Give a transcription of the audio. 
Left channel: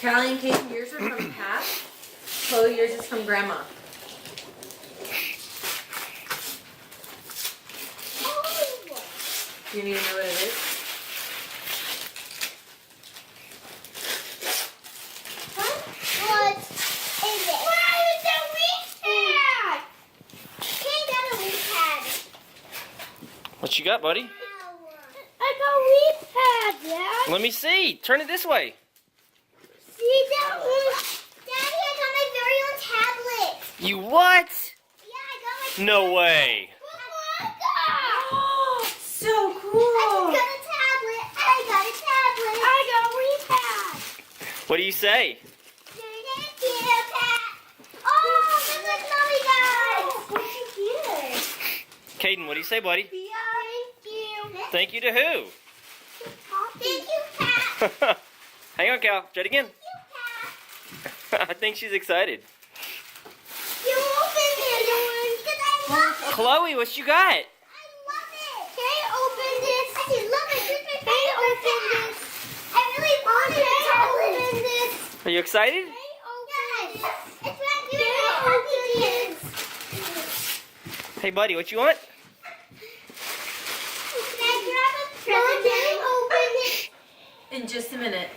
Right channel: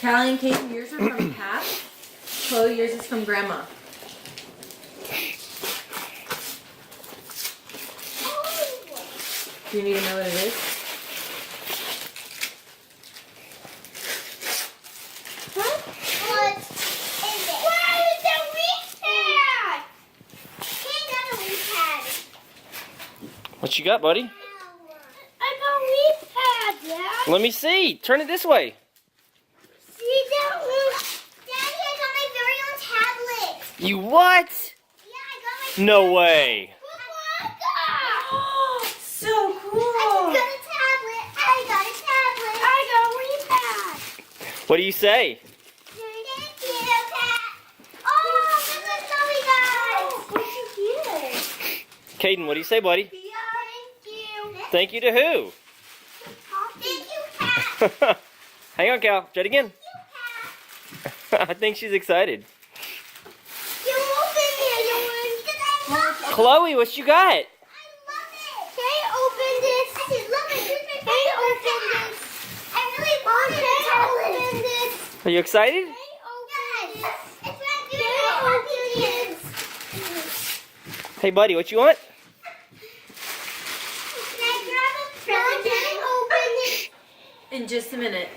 Callie and Katie, yours are from Pap. Chloe, yours is from Grandma. Do you need to know what it is? What you got, buddy? I got a Wii pad, Dad. Let me see. Turn it this way. See that one? Daddy, I got my very own tablet. You what? Yeah, I got my No way. So I cool. got a tablet. I got a tablet. I got a Wii pad. What do you say? Thank you, Pat. Oh, this is Chloe, guys. What's here? Caden, what do you say, buddy? Thank you. Thank you to who? Thank you, Pat. Hang on, Cal. Try it again. I think she's excited. You opened it, you want it. I love it. Chloe, what you got? I love it. They opened this. I love it. They opened this. I really want it. They opened this. Are you excited? They opened this. It's right here. They opened this. Hey, buddy, what you want? Can I grab a present? They opened it. In just a minute.